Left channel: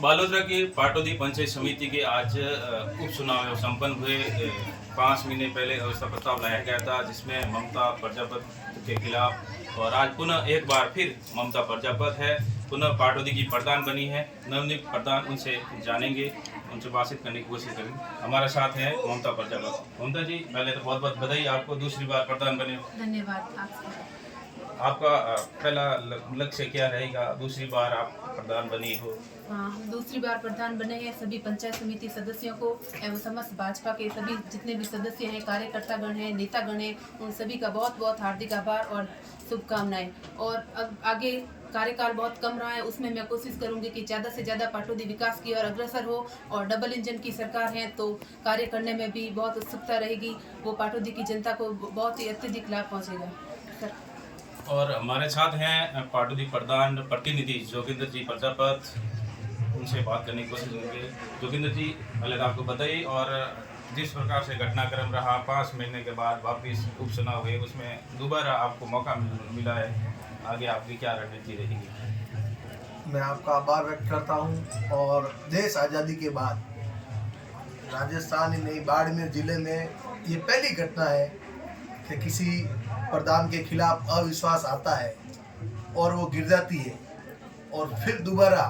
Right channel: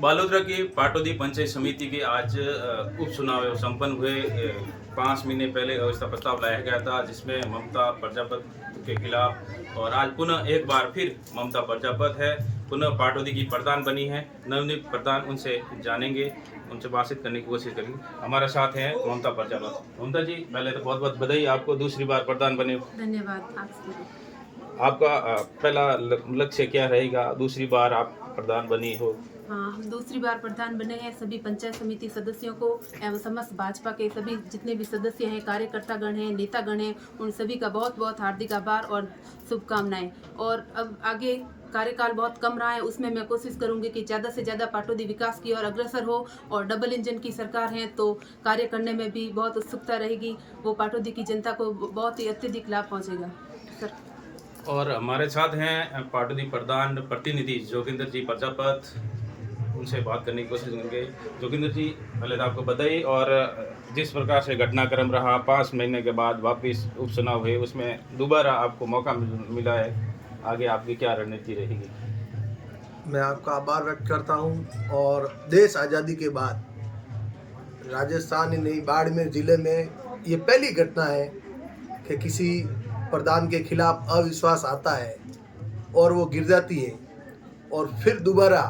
बालोतरा के पाटौदी पंचायत समिति के आज उपचुनाव संपन्न हुए। 5 महीने पहले अवस्था प्रस्ताव लाया गया था, जिसमें ममता प्रजापति के खिलाफ, और आज पुनः एक बार फिर ममता प्रजापति है, पुनः पाटौदी की प्रधान बनी है, नवनियुक्त प्रधान। उनसे जानेंगे, उनसे बातचीत करने की कोशिश करेंगे। हमारे साथ हैं ममता प्रजापति। ममता जी, पहले तो बहुत बहुत बधाई आपको, दूसरी बार प्रधान बने। धन्यवाद आपको। आपका पहला लक्ष्य क्या रहेगा? दूसरी बार आप प्रधान बनी हो। हम दूसरी बार प्रधान बने हैं। सभी पंचायत समिति सदस्यों को एवं समस्त भाजपा के सभी जितने भी सदस्य हैं, कार्यकर्तागण हैं, नेतागण हैं, उन सभी का बहुत बहुत हार्दिक आभार और शुभकामनाएं। और अब आगे कार्यकाल बहुत कम रहा है, उसमें मैं कोशिश करूंगी कि ज़्यादा से ज़्यादा पाटौदी विकास की ओर अग्रसर हो, और डबल इंजन की सरकार है तो कार्य करने में भी बहुत उत्सुकता रहेगी। वो पाटौदी की जनता को बहुत ही अत्यधिक लाभ पहुँचेगा सर। और हमारे साथ हैं पाटौदी प्रधान प्रतिनिधि जोगिंदर जी प्रजापति, उनसे बात करने की कोशिश करेंगे। जोगिंदर जी, पहले तो आपको बताइए, और जिस प्रकार से घटनाक्रम रहा, 5 महीने के बाद वापस उपचुनाव हुए, उसमें दोबारा आपको मौका मिला है, आगे आपकी क्या रणनीति रहेगी? मैं आपका आभार व्यक्त करता हूं। और देश आज़ादी के बाद राजस्थान ही नहीं, बाड़मेर जिले में ये पहली घटना है कि किसी प्रधान के खिलाफ अविश्वास आता है और वो गिर जाती है, और फिर दोबारा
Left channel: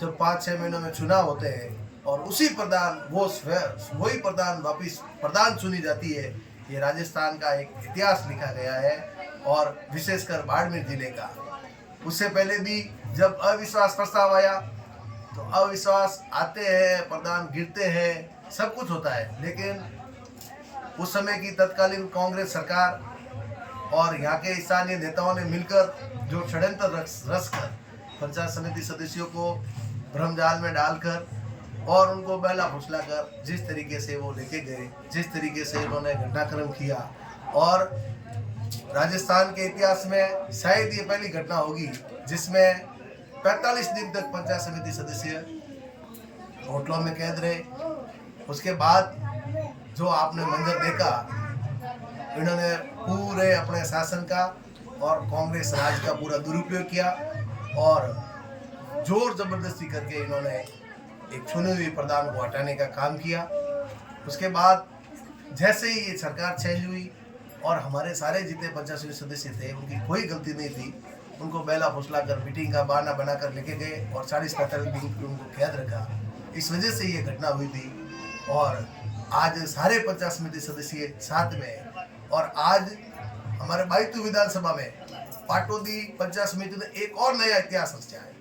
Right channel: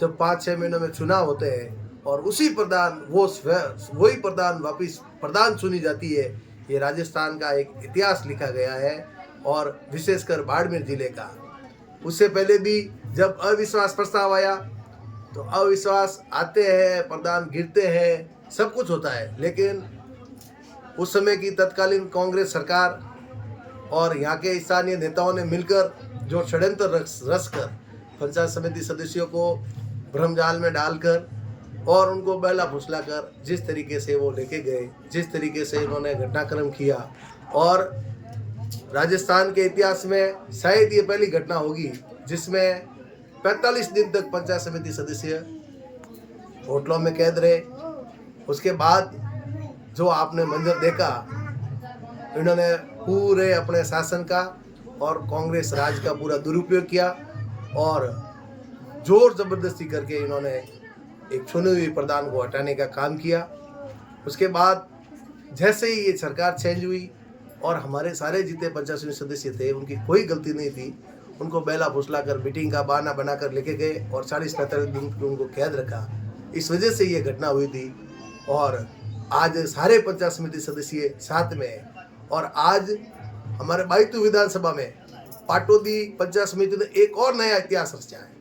जब 5-6 महीनों में चुनाव होते हैं और उसी प्रधान वही प्रधान वापस प्रधान चुनी जाती है। ये राजस्थान का एक इतिहास लिखा गया है, और विशेषकर बाड़मेर जिले का। उससे पहले भी जब अविश्वास प्रस्ताव आया तो अविश्वास आते हैं, प्रधान गिरते हैं, सब कुछ होता है, लेकिन उस समय की तत्कालीन कांग्रेस सरकार और यहाँ के स्थानीय नेताओं ने मिलकर जो षड्यंत्र रचकर पंचायत समिति सदस्यों को भ्रमजाल में डालकर और उनको बहला फुसला कर जिस तरीके से वो लेके गए, जिस तरीके से उन्होंने घटनाक्रम किया, और राजस्थान के इतिहास में शायद ये पहली घटना होगी जिसमें 45 दिन तक पंचायत समिति सदस्य होटलों में कैद रहे। उसके बाद जो आपने मंजर देखा, इन्होंने पूरे अपने शासन का और कांग्रेस राज का पूरा दुरुपयोग किया, और जोर जबरदस्ती करके इन्होंने एक चुनी हुई प्रधान को हटाने का काम किया। उसके बाद जैसे ही ये सरकार चेंज हुई और हमारे सारे जितने पंचायत समिति सदस्य थे, उनकी कोई गलती नहीं थी, उनको बेला फुसला कर मीटिंग का बहाना बनाकर लेके गए और 40-45 दिन उनको कैद रखा। इस वजह से ये घटना हुई थी, और आज सारे पंचायत समिति सदस्य साथ में हैं। और आज हमारे बायतू विधानसभा में पाटौदी पंचायत समिति ने एक और नया इतिहास रचा है।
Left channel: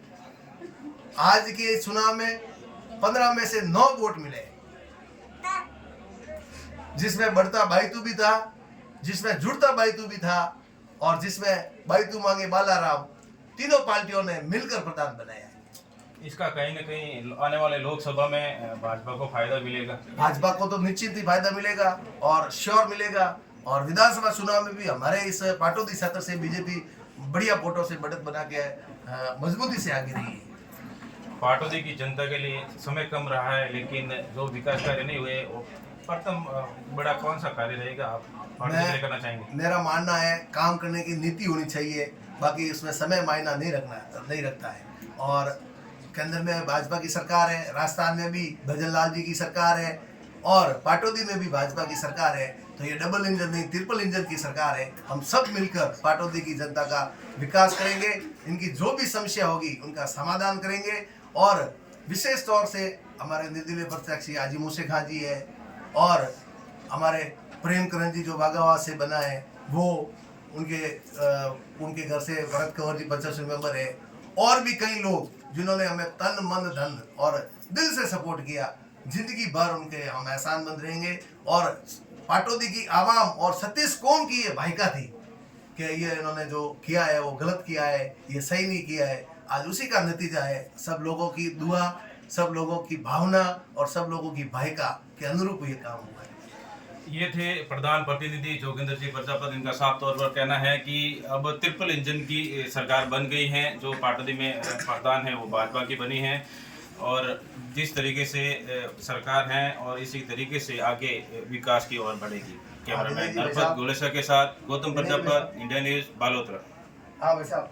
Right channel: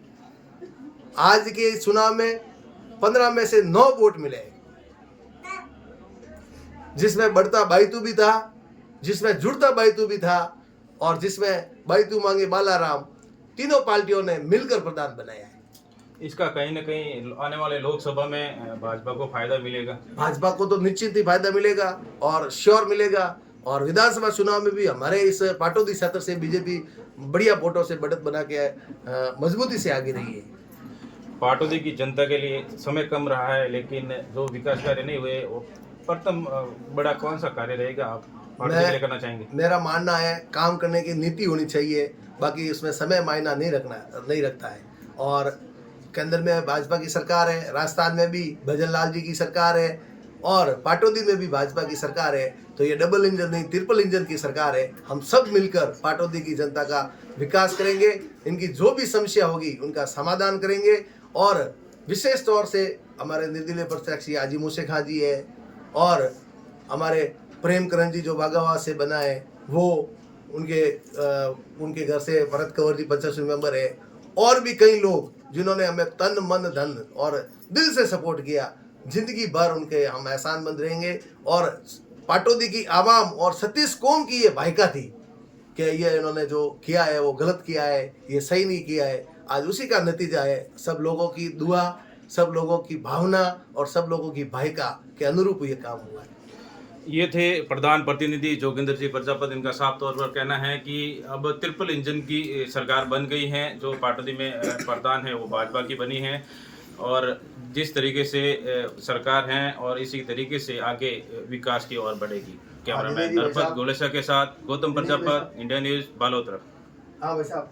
आज के चुनाव में 15 में से 9 वोट मिले, जिसमें बढ़ता बायतू भी था, जिसमें जुड़ता बायतू भी था, और जिसमें बायतू मांगे बालाराम, तीनों पार्टियों ने मिलकर प्रधान बनाया है। इसका कहीं ना कहीं आने वाले लोकसभा में भाजपा को फायदा मिलेगा। भाजपा को तो निश्चित ही फायदा मिलेगा और श्योर मिलेगा, और विधानसभा चुनाव में भी हमारे इस पाटौदी क्षेत्र से बीजेपी बढ़िया वोटों से बढ़त बना के मजबूती से आगे रही है। पाटौदी की जनता के लिए समय कम रहा है, लेकिन जो विकास कार्य नहीं हुए, वो प्रथम बड़ा कौन सा कार्य रहेगा आप पाटौदी के लिए करना चाहेंगे? मेरा मानना है काम करने की नीति होनी चाहिए, बाकी उसमें समय मायना नहीं रखता है। और केंद्र में भाजपा की सरकार है, राजस्थान में भी भजन लाल जी की सरकार है, और पाटौदी में भी भाजपा की सरकार है। तो ये डबल इंजन नहीं, ट्रिपल इंजन की सरकार है। हम सब मिलकर पाटौदी की जनता का विकास करेंगे, इनकी जो भी समस्या होगी उनका समाधान करेंगे। और विशेष तौर से हमारे निर्दलीय प्रत्याशी हाजी मूसे खां जी है, और हमारे प्रेम करण जी जो बागावाद से बना है, वो उनके घर से भरत कंवर जी पंचायत समिति मेंबर है, और भी कई लोग जिन्होंने हमें तन मन धन और दिल से सपोर्ट किया। जिंदगी भर उनके हम एहसानमंद रहेंगे। और पाटौदी की आवाम और सतीश कौम की ये भाईका थी कि ये इन्होंने जो किया है वो गलत किया है, ये सही नहीं किया है। आज उसी का नतीजा है, सब लोगों की दुआ, सब लोगों की भावना और सब लोगों की भाईका के अनुरूप ये काम हुआ है। ये थे प्रधान प्रतिनिधि जोगिंदर जी प्रजापति। इनका साफ तौर पर कहना है कि अब ट्रिपल इंजन की सरकार बन गई है। जो पाटौदी में प्रधान है वो भाजपा की बनी है, और जिस तरीके से सरकार है और इसी तरीके से आगे विकास की ओर बढ़ेगी। कैमरामैन नरपत गोलेसा के साथ गौतम प्रजापति, इंडिया न्यूज़, बालोतरा। हाँ भाई साहब।